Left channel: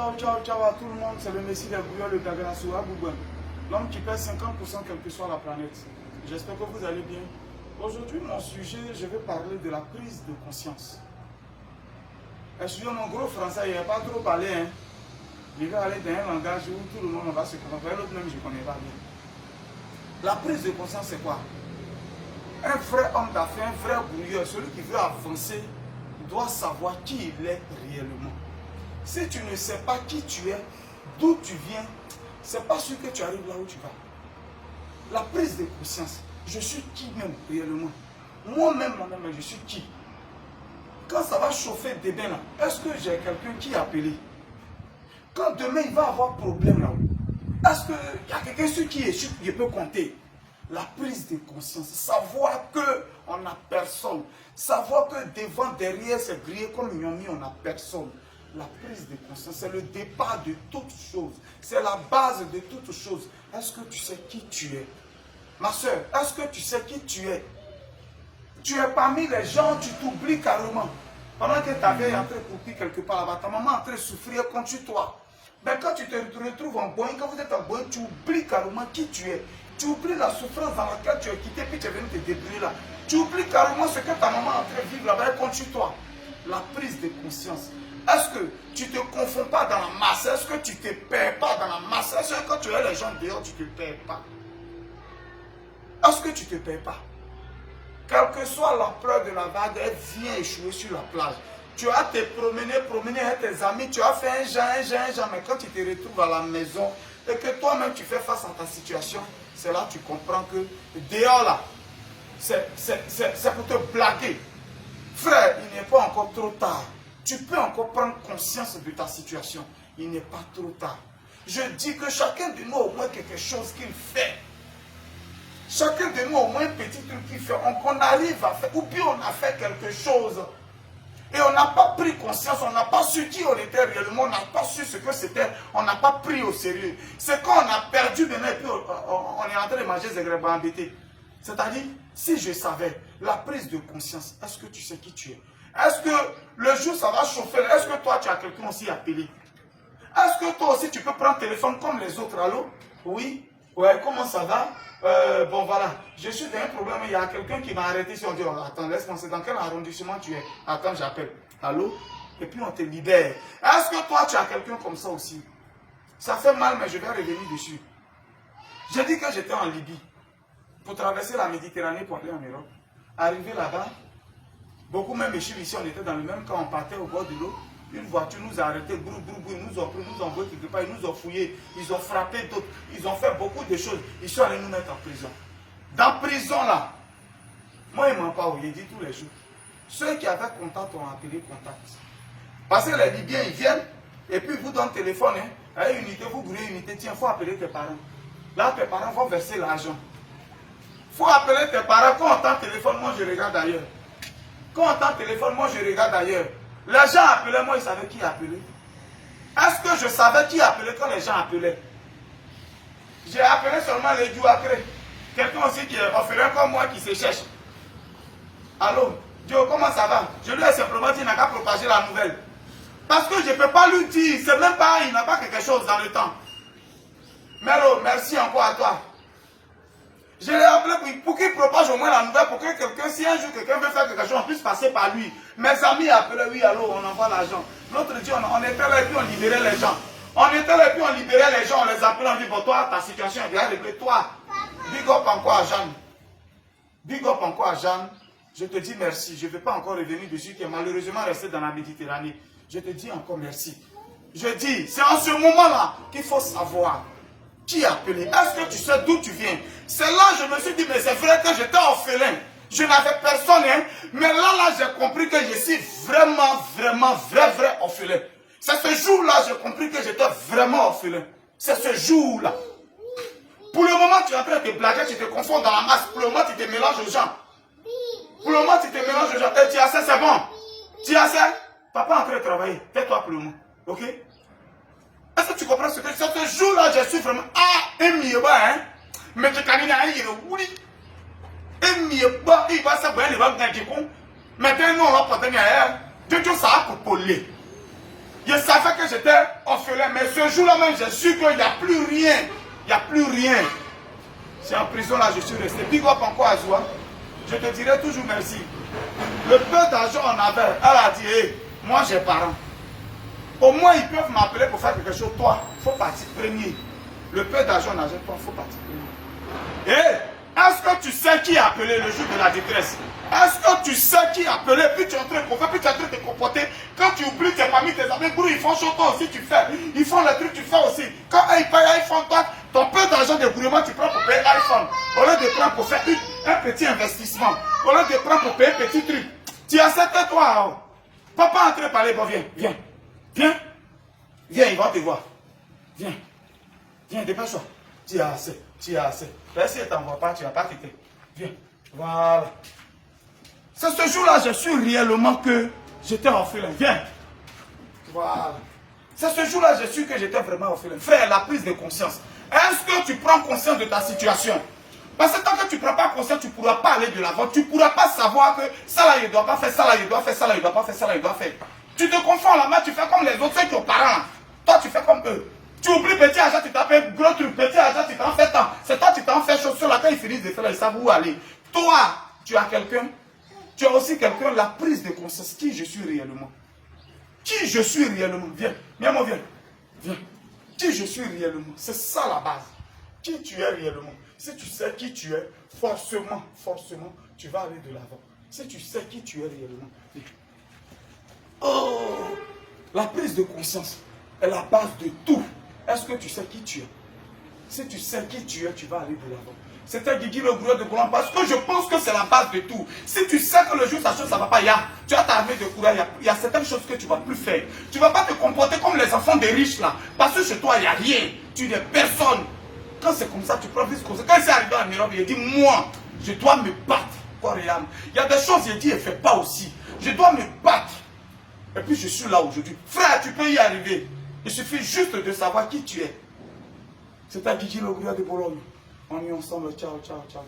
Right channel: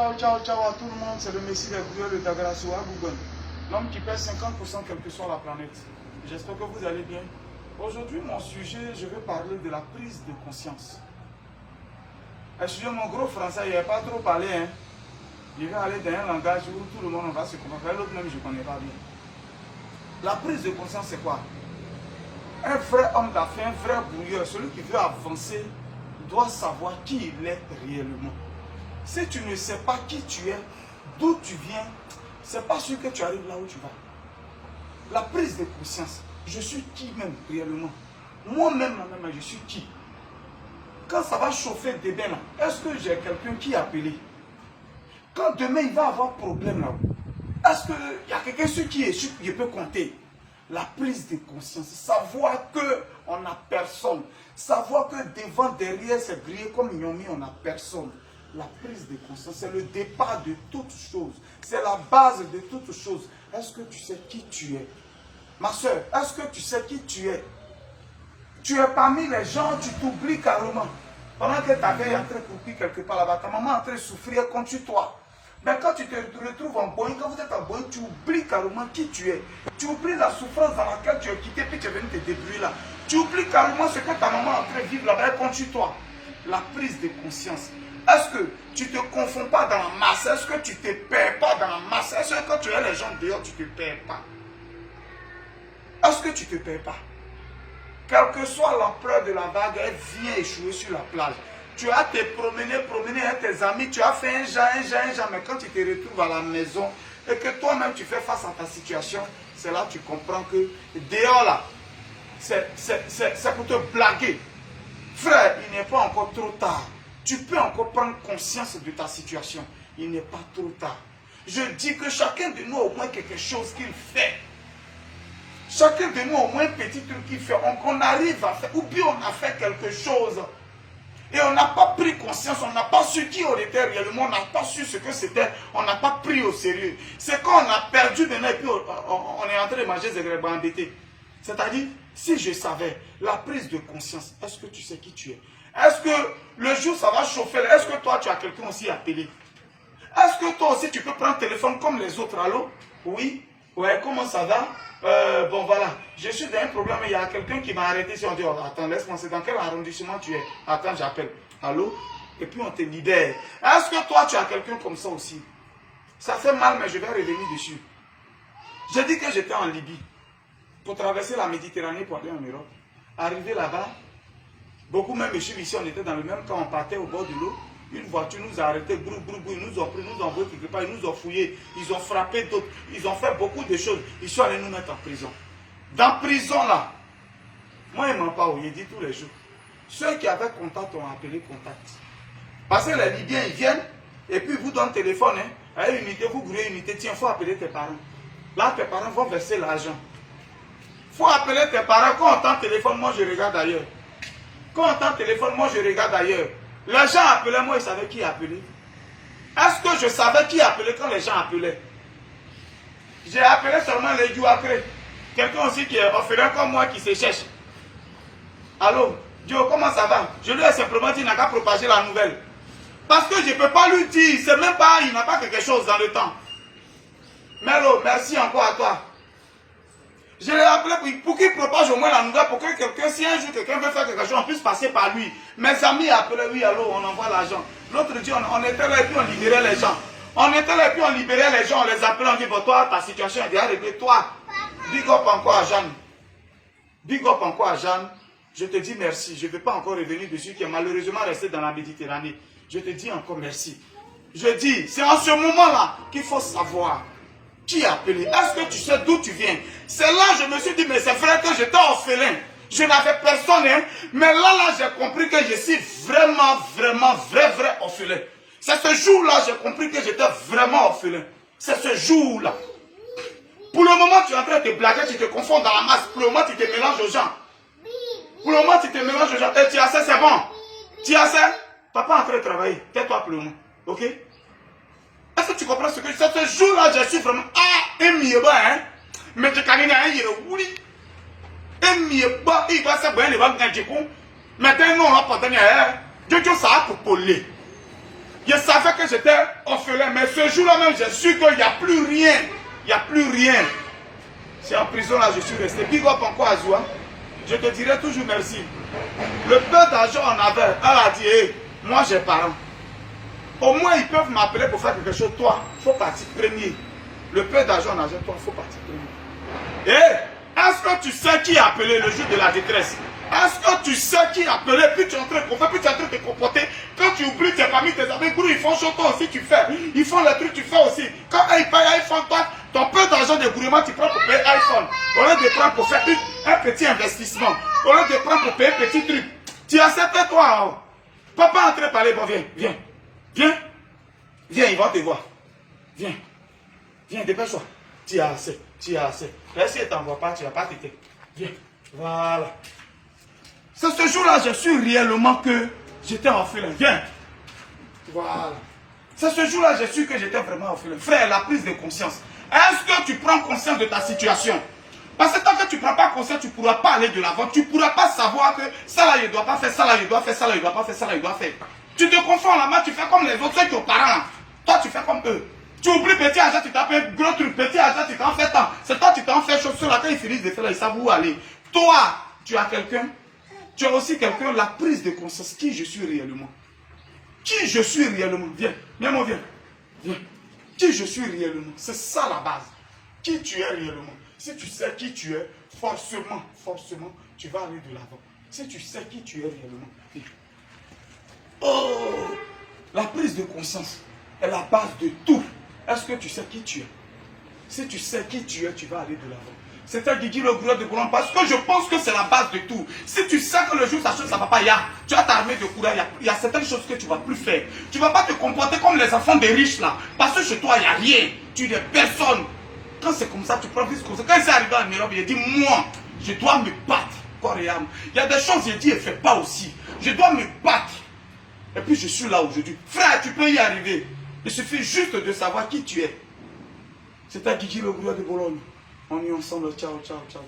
Ciao, ciao, ciao à tout le monde, c'est le Messie des brouilleurs de Dagrasso à Google. L'homme qui pèse 50% quelle que soit la planète. J'espère que vous allez bien. Aujourd'hui, mon sujet, je vais parler de la prise de conscience. Excusez mon gros français, il n'y a pas trop parlé. Hein. Je vais aller dans un langage où tout le monde va se comprendre. L'autre même, je ne connais pas bien. La prise de conscience, c'est quoi? Un vrai homme d'affaires, un vrai brouilleur, celui qui veut avancer, doit savoir qui il est réellement. Si tu ne sais pas qui tu es, d'où tu viens, c'est pas sûr que tu arrives là où tu vas. La prise de conscience, je suis qui même réellement? Moi-même, je suis qui? Quand ça va chauffer demain là, est-ce que j'ai quelqu'un qui est appelé? Quand demain il va avoir problème là, est-ce qu'il y a quelqu'un sur qui je peux compter? La prise de conscience, savoir qu'on n'a personne, savoir que devant, derrière, c'est grillé comme ils ont mis, on n'a personne. La prise de conscience, c'est le départ de toute chose, c'est la base de toute chose. Est-ce que tu sais qui tu es? Ma soeur, est-ce que tu sais qui tu es? Tu es parmi les gens, tu t'oublies carrément. Pendant que ta veille est en train de couper quelque part là-bas, ta maman est en train de souffrir contre toi. Mais quand tu te retrouves en Boeing, quand vous êtes en Boeing, tu oublies carrément qui tu es. Tu oublies la souffrance dans laquelle tu es quitté, puis tu es venu te débrouiller là. Tu oublies carrément ce que ta maman est en train de vivre là-bas contre toi. La prise de conscience. Est-ce que tu ne te confonds pas dans la masse? Est-ce que tu ne te perds pas dans la masse? Est-ce que quand tu es les gens dehors, tu ne te perds pas? Est-ce que tu ne te perds pas? Quelle que soit l'ampleur de la vague, elle vient échouer sur la plage. Tu as te promener avec tes amis, tu as fait un genre, mais quand tu te retrouves à la maison et que toi-même tu fais face à ta situation, c'est là que tu comprends que dehors là, c'est pour te blaguer. Frère, il n'est pas encore trop tard. Tu peux encore prendre conscience de ta situation. Il n'est pas trop tard. Je dis que chacun de nous a au moins quelque chose qu'il fait. Chacun de nous a au moins un petit truc qu'il fait. On arrive à faire, ou bien on a fait quelque chose. Et on n'a pas pris conscience, on n'a pas su qui on était réellement, on n'a pas su ce que c'était, on n'a pas pris au sérieux. C'est quand on a perdu de et puis on est en train de manger des grèves embêtés. C'est-à-dire, si je savais, la prise de conscience, est-ce que tu sais qui tu es? Est-ce que le jour ça va chauffer? Est-ce que toi tu as quelqu'un aussi appelé? Est-ce que toi aussi tu peux prendre le téléphone comme les autres? Allô? Oui? Ouais, comment ça va? Bon voilà, je suis dans un problème, il y a quelqu'un qui m'a arrêté. Si on dit, oh, attends, laisse-moi, c'est dans quel arrondissement tu es? Attends, j'appelle. Allô? Et puis on te libère. Est-ce que toi tu as quelqu'un comme ça aussi? Ça fait mal, mais je vais revenir dessus. J'ai dit que j'étais en Libye pour traverser la Méditerranée pour aller en Europe. Arrivé là-bas, beaucoup même ici, on était dans le même camp, on partait au bord de l'eau. Une voiture nous a arrêtés, brou, ils nous ont pris, nous ont envoyé quelque part, ils nous ont fouillés, ils ont frappé d'autres, ils ont fait beaucoup de choses. Ils sont allés nous mettre en prison. Dans prison là, moi ils ne m'ont pas oublié, dit tous les jours. Ceux qui avaient contact ont appelé contact. Parce que les Libyens ils viennent et puis ils vous donnent le téléphone, hein, à une unité, vous grouillez une unité, tiens, il faut appeler tes parents. Là, tes parents vont verser l'argent. Il faut appeler tes parents. Quand on entend le téléphone, moi je regarde ailleurs. Quand on entend le téléphone, moi je regarde ailleurs. Les gens appelaient, moi ils savaient qui appelait. Est-ce que je savais qui appelait quand les gens appelaient? J'ai appelé seulement les jours après. Quelqu'un aussi qui est orphelin comme moi qui se cherche. Allô, Joe, comment ça va? Je lui ai simplement dit qu'il n'a qu'à propager la nouvelle. Parce que je ne peux pas lui dire, c'est même pas, il n'a pas quelque chose dans le temps. Melo, merci encore à toi. Je l'ai appelé pour qu'il propage au moins la nouvelle, pour que quelqu'un, si un jour quelqu'un veut faire quelque chose, on puisse passer par lui. Mes amis appelaient, oui, allô, on envoie l'argent. L'autre dit, on était là et puis on libérait les gens. On était là et puis on libérait les gens, on les appelait, on dit, bon, toi, ta situation est bien réglée. Toi, big up encore à Jeanne. Big up encore à Jeanne. Je te dis merci. Je ne vais pas encore revenir dessus, qui est malheureusement resté dans la Méditerranée. Je te dis encore merci. Je dis, c'est en ce moment-là qu'il faut savoir qui a appelé. Est-ce que tu sais d'où tu viens? C'est là que je me suis dit, mais c'est vrai que j'étais orphelin. Je n'avais personne, hein. Mais là, j'ai compris que je suis vraiment, vrai orphelin. C'est ce jour-là, j'ai compris que j'étais vraiment orphelin. C'est ce jour-là. Pour le moment, tu es en train de te blaguer, tu te confonds dans la masse. Pour le moment, tu te mélanges aux gens. Pour le moment, tu te mélanges aux gens. Et tu as assez, c'est bon. Tu as assez? Papa est en train de travailler. Tais-toi pour le moment. Ok? Est-ce que tu comprends ce que c'est? Ce jour-là, je suis vraiment. Ah, un mieux, hein? Mais tu connais un mieux, oui. Un mieux, il va se voir, il va me dire, mais t'es non, là, pas tenir, hein? Tu ça pour poler. Je savais que j'étais orphelin, mais ce jour-là même, j'ai su qu'il n'y a plus rien. Il n'y a plus rien. C'est en prison là, je suis resté. Big up encore à Zoua. Je te dirai toujours merci. Le peu d'argent on avait, elle a dit, hey, moi j'ai parents. Au moins ils peuvent m'appeler pour faire quelque chose. Toi, il faut partir premier. Le peu d'argent on avait, toi, il faut partir premier. Et est-ce que tu sais qui a appelé le jour de la détresse? Est-ce que tu sais qui a appelé? Puis tu es en train de faire, puis tu es en train de te comporter. Quand tu oublies tes familles, tes amis, ils font chaud, toi aussi tu fais. Ils font les trucs, tu fais aussi. Quand ils payent iPhone, toi, ton peu d'argent de gouvernement, tu prends pour payer iPhone. Au lieu de prendre pour faire un petit investissement. Au lieu de prendre pour payer un petit truc. Tu acceptes toi. Oh. Papa est en train de parler, bon, viens, viens. Viens. Viens, ils vont te voir. Viens. Viens, dépêche-toi. Tu as assez. Tu as assez. Là, si elle ne t'envoie pas, tu n'as pas tété. Viens. Voilà. C'est ce jour-là, je suis réellement que j'étais orphelin. Viens. Voilà. C'est ce jour-là, je suis que j'étais vraiment orphelin. Frère, la prise de conscience. Est-ce que tu prends conscience de ta situation? Parce que tant que tu ne prends pas conscience, tu ne pourras pas aller de l'avant. Tu ne pourras pas savoir que ça là, je ne dois pas faire, ça là, je dois faire, ça là, je ne dois pas faire, ça là, je dois faire. Tu te confonds la main, tu fais comme les autres, ceux qui ont parents. Toi, tu fais comme eux. Tu oublies petit argent, tu t'appelles gros truc, petit argent, tu t'en fais tant. C'est toi, tu t'en fais chose. Sur laquelle ils finissent de faire, ils savent où aller. Toi, tu as quelqu'un. Tu as aussi quelqu'un, la prise de conscience. Qui je suis réellement? Qui je suis réellement? Viens, viens, mon viens. Viens. Qui je suis réellement? C'est ça la base. Qui tu es réellement? Si tu sais qui tu es, forcément, tu vas aller de l'avant. Si tu sais qui tu es réellement. Oh! La prise de conscience est la base de tout. Est-ce que tu sais qui tu es? Si tu sais qui tu es, tu vas aller de l'avant. C'était Guigui le gourou de Boulan parce que je pense que c'est la base de tout. Si tu sais que le jour ça ne va pas, tu as ta armée de courage, il y a certaines choses que tu ne vas plus faire. Tu ne vas pas te comporter comme les enfants des riches là. Parce que chez toi, il n'y a rien. Tu n'es personne. Quand c'est comme ça, tu prends plus conseil. Quand il s'est arrivé en Europe, il a dit, moi, je dois me battre. Corps et âme. Il y a des choses, il dit, elle ne fait pas aussi. Je dois me battre. Et puis je suis là aujourd'hui. Frère, tu peux y arriver. Il suffit juste de savoir qui tu es. C'était Guigui le gourou de Boulogne. On est ensemble. Ciao, ciao, ciao.